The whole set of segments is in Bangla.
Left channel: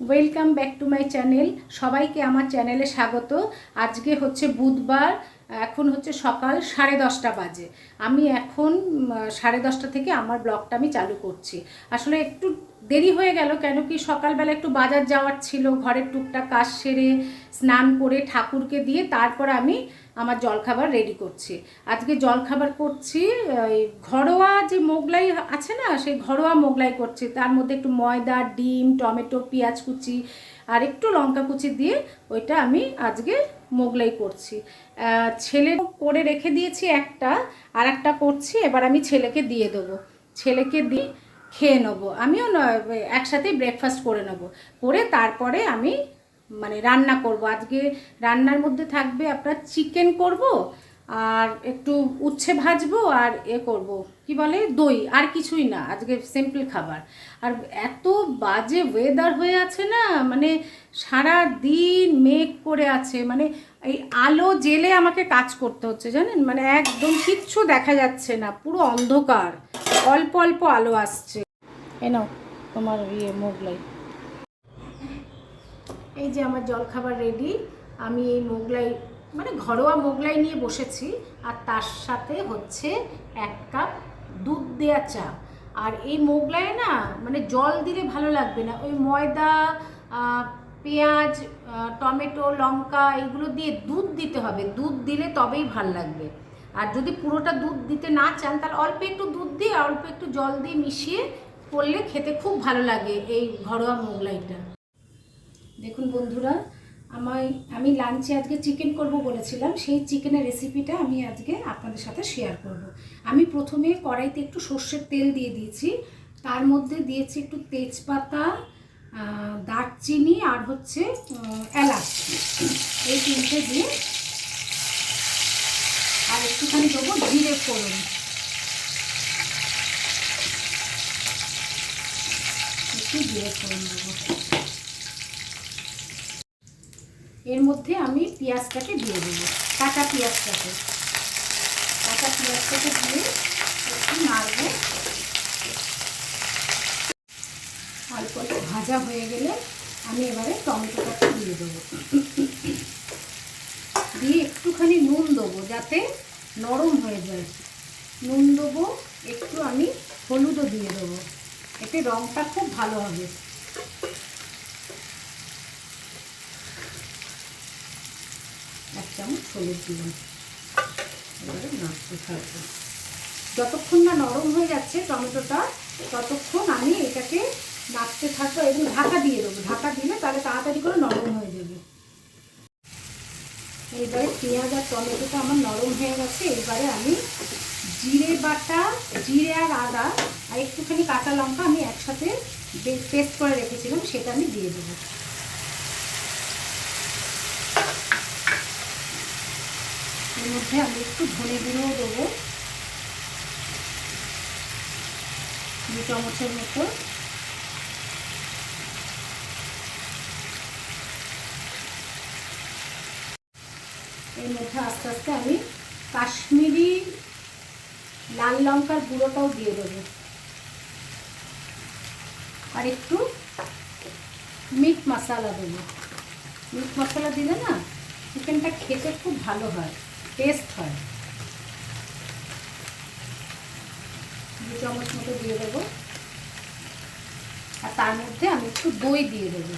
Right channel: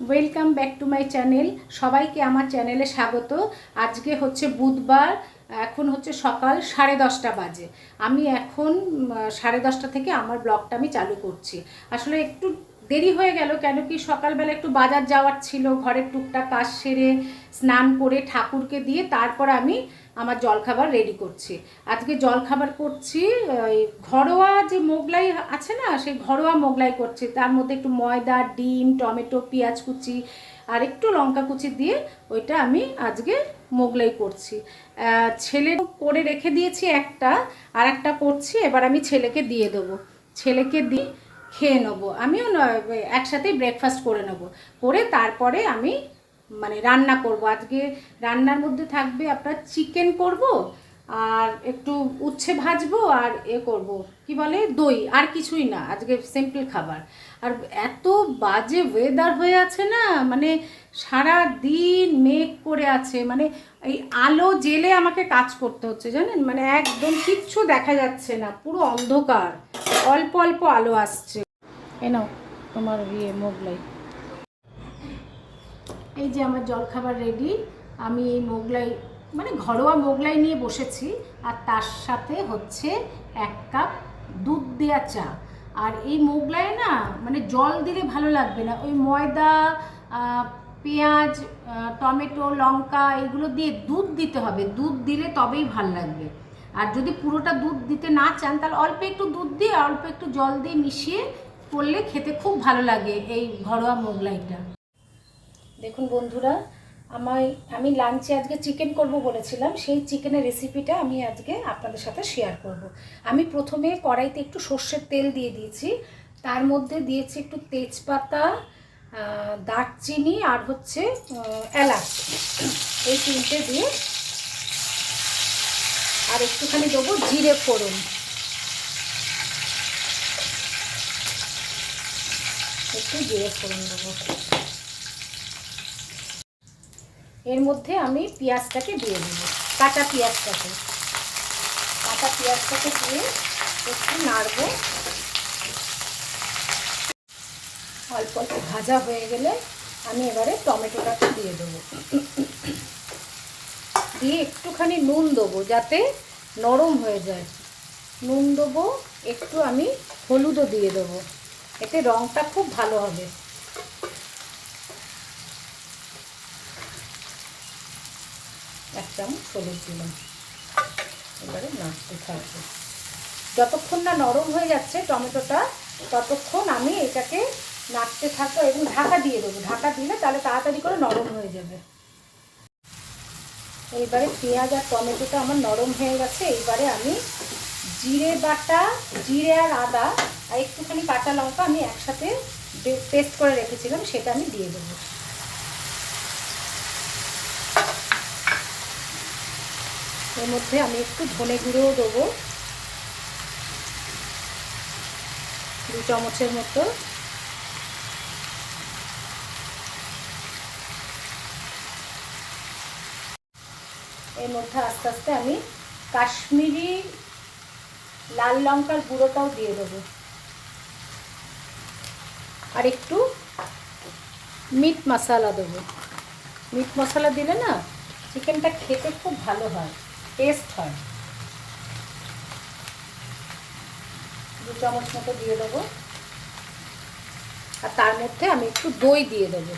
Welcome back to my channel. সবাইকে আমার চ্যানেলে স্বাগত। আজকে হচ্ছে বুধবার, এখন হচ্ছে সকাল 10:30 বাজে। আমি এখন 10:30 থেকে আমার ব্লগটা আমি চালু করছি। আসলে একটু দেরি হয়ে গেল, কেন কি সকালবেলা একটু বাজার যাওয়ার ছিল, ঘরের টুকটাক কাজ সেরে স্নান করে ঠাকুরকে দিয়ে তারপর আমি আমার জলখাবার রেডি করছি। আজকে জলখাবার করছি ঘরোয়া যে মোগলাই আছে না, সেই ঘরোয়া মোগলাই করছি। তার মধ্যে একটু ময়দা, ডিম, টমেটো, পেঁয়াজ কুচি আর একটু লঙ্কা কুচি দিয়ে ওইটা আমি আজকে মোগলাই করছি। ছেলে করে রেখে দিয়েছি একটা, আর একটা করছি। এবার আমি ছেলেকে দিয়ে দেবো, ছেলেকে দিয়ে খেয়ে নেবো। আমিও একসাথেই ব্রেকফাস্ট করে নেবো, করে তারপরে আমি রান্না করব। আজকে রান্নার মধ্যে থাকবে আপনার চিকেন করব, আর একটু উচ্ছে ভাজবো, আর করব কি বলে দই, আর কিছুই না। আজকে সিম্পল খাবার। আর এত বাজে ওয়েদার হয়ে আছে না, সারা দিন মেঘ করে আছে, এই আলো জেলে আমাকে কাজ করতে হচ্ছে, জানেন। একদম কিচ্ছু দেখা যাচ্ছে না, পুরো অন্ধকার, অল্প অল্প আলো আসছে। এ নাও তোমার মোগলাই। এই যে আমার জলখাবার রেডি। আমি এই মোগলাই ঘরোয়া মোগলাই নিয়ে বসেছি, আর তার সাথে হচ্ছে 1 কাপ দুধ দেওয়া চা। আর এই মোগলাই না জল দিলে ভালো লাগবে না, ওই ময়দা, পেঁয়াজ, টমেটো, লঙ্কা এগুলো দিয়ে দুধ দিতে হবে। দুধ দিলে তবেই ভাল লাগবে। আর যদি পুরোটা দুধ দিতে না চান, তাহলে অল্প একটু দুধ দিয়ে অল্প একটু জল দিয়ে মিশিয়ে করলে খেতে খুব ভালো লাগে এই ঘরোয়া মোগলাইটা। দেখুন বন্ধুরা, আমি লাঞ্চে আজকে চিকেন করব বলেছিলাম, সেই চিকেনের রেসিপিটা আমি আজকে আপনাদের সাথে শেয়ার করব। আমি প্রথমে কড়াইতে একটু সর্ষের তেল দিয়ে দিয়েছি, তার মধ্যে দিয়েছি একটু তেজপাতা, দারচিনি আর হচ্ছে এলাচ, এই তিনটে দিয়ে, আর একটুখানি দেবো জিরে ফোড়ন, একটু জিরে ফোড়ন দেবো। এর মধ্যে আমি পেঁয়াজটাকে দিয়ে দেবো, কাঁচা পেঁয়াজটাকে দিয়ে একটু নাড়বো। অল্প অল্প ভাজা হয়ে গেলে আমি এবারে টমেটোটাকে দিয়ে দেবো, দিয়ে একটুখানি নুন দেবো যাতে নরম হয়ে যায়। নুন দেবো একটু, আমি হলুদও দিয়ে দেবো, এতে রঙটা খুব ভালো হবে। এক চামচ হলুদ দিলাম। এবারে নাড়তে থাকবো, যতক্ষণ না নরম হয়ে যাচ্ছে টমেটোটা ততক্ষণ আমি এটাকে নাড়তে থাকবো এবং ঢাকা দিয়ে দেবো। ঢাকা দিলে তাহলে তাড়াতাড়ি করে নরম হয়ে যাবে। এইবারে পেঁয়াজ আর টমেটোটা আমার নরম হয়ে গেছে। এইবারে আমি জিরে বাটা, জিরে আর আদা আর একটুখানি কাঁচা লঙ্কা আমি একসাথে পেস্ট করে রেখেছিলাম, সেটা আমি দিয়ে দেবো। এর মধ্যে আমি একটু ধনে গুঁড়োও দেবো, 2 চামচের মতো। এর মধ্যে আস্তে আস্তে আমি কাশ্মীরি লাল লঙ্কার গুঁড়োটাও দিয়ে দেবো, আর একটু মিট মশলা দেবো। মিট মশলা দিলে না চিকেনটা খেতে খুব ভালো হয়, টেস্ট হয়। 2 চামচ মতো দিয়ে দেবো, আর তার মধ্যে আমি একটু দই দিয়ে দেবো।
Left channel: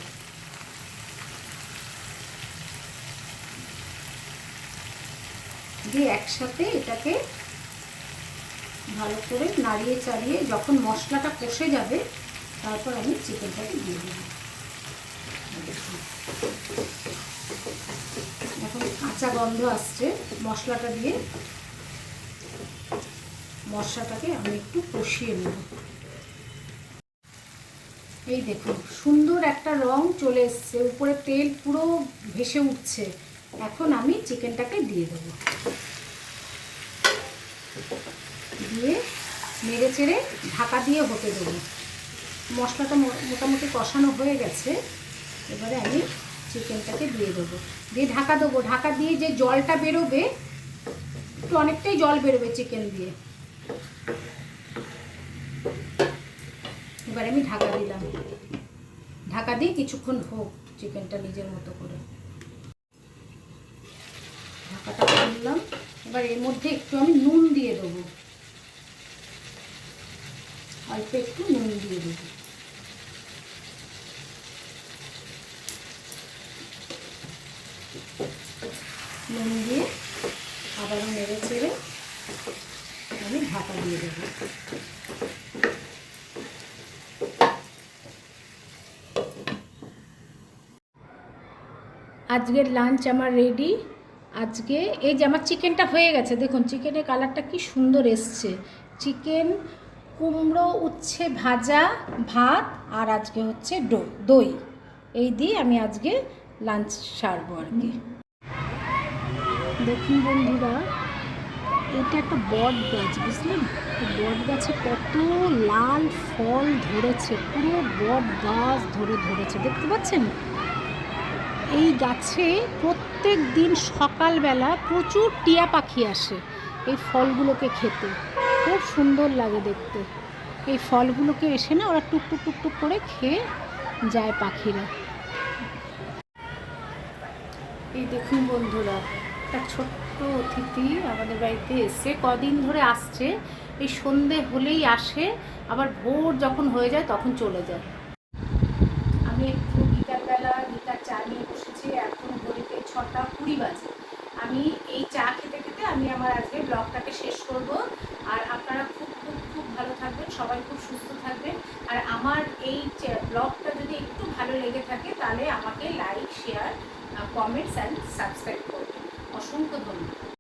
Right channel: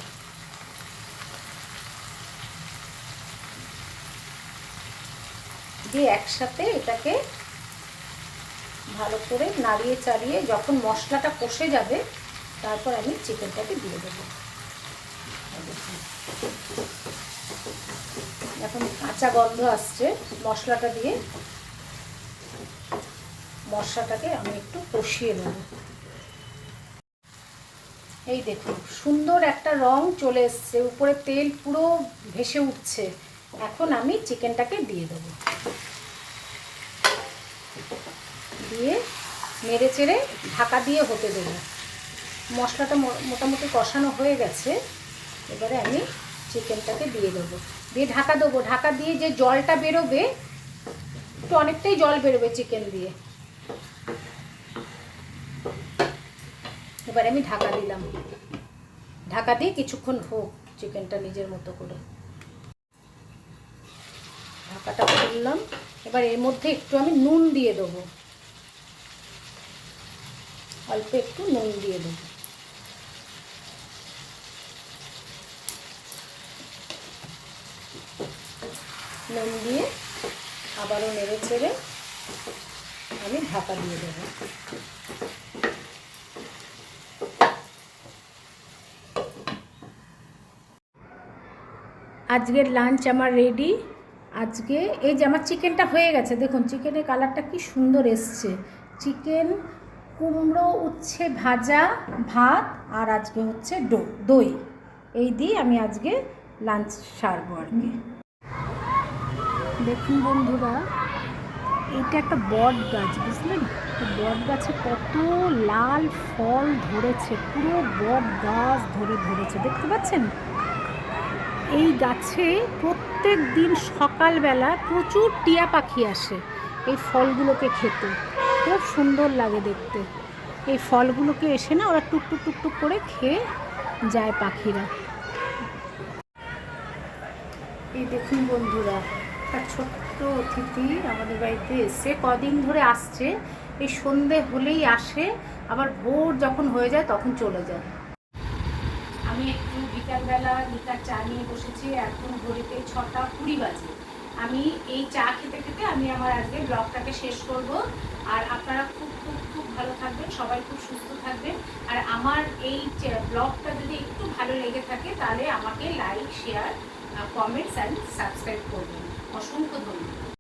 দিয়ে একসাথে এটাকে ভালো করে নাড়িয়ে চাড়িয়ে যখন মশলাটা কষে যাবে, তারপর আমি চিকেনটাকে দিয়ে দেবো। এখন কাঁচা গন্ধ আসছে মশলাটা দিয়ে, মশলাটাকে আমি একটু কষিয়ে নেব। এই দেখুন সুন্দর একটা রং চলে এসছে, উপরে তেল পুরো ভেসে উঠছে। এখন আমি চিকেনটাকে দিয়ে দেবো, দিয়ে নেড়ে চেড়ে ঢাকা দিয়ে হতে দেবো। মশলাটা মোটামুটি কষানো হয়ে গেছে। এবারে আমি চিকেনটাকে দিয়ে দেবো, দিয়ে ঢাকা দেবো। ঢাকা দিয়ে যে জলটা বেরোবে, একটু অনেকটাই জল বেরোবে চিকেন দিয়ে। এবারে আমি ঢাকা দিলাম। ঢাকা দিয়ে কিছুক্ষণ হোক চিকেনটা নিজের মতো করে। ঢাকাটা করলাম। এবার এর মধ্যে একটু আমি নুন দিয়ে দেবো, অল্প একটু নুন দিয়ে দেবো। নুন দিয়ে আবারও নেড়ে চেড়ে আমি ঢাকা দিয়ে দেবো। আজকের লাঞ্চ আমার রেডি। আজকে এই যে আমার চিকেনটা হয়ে গেছে, দেখুন চিকেনের কালারটা কি সুন্দর এসছে। চিকেন, কুমড়ো উচ্ছে ভাজা, ভাত, আর আজকে হচ্ছে দই, এই দিয়ে আমি আজকে লাঞ্চ সারবো আর কি। দেখুন বন্ধুরা, এটা একটা বট গাছ, বুঝলেন? বট গাছে কত লাল ফল ধরেছে, পুরো বট গাছ ধরেছে, দেখতে পাচ্ছেন? এই গাছে প্রত্যেক দিন সকালবেলা প্রচুর টিয়া পাখি আসে এই ফলগুলোকে খেতে, খুব সুন্দর লাগে দেখতে। এই ফলগুলোকে এসে না ওরা টুকটুক টুকটুক করে খেয়ে যায় পাখিরা। এই দেখুন বন্ধুরা, একটা ছোট্ট অতিথি আমাদের বাড়িতে এসে কদিন ধরে আসছে। এই সন্ধে হলেই আসে, আবার ভোর যখন হয়ে যায় তখন চলে যায়। আমি একটু বিকালবেলা লিকার চা নিয়ে বসেছি, এখন ঘড়িতে 6টা 20 বাজে। আমি এই চা খেতে খেতে আমি আমার আজকে ব্লগটাকে শেষ করব। আর আপনারা খুব খুব খুব ভালো থাকবেন, সবাই খুব সুস্থ থাকবেন। আর আমার এই ব্লগটা যদি একটু ভালো লেগে থাকে তাহলে আমাকে like, share, comments and subscribe করবেন। অসংখ্য ধন্যবাদ।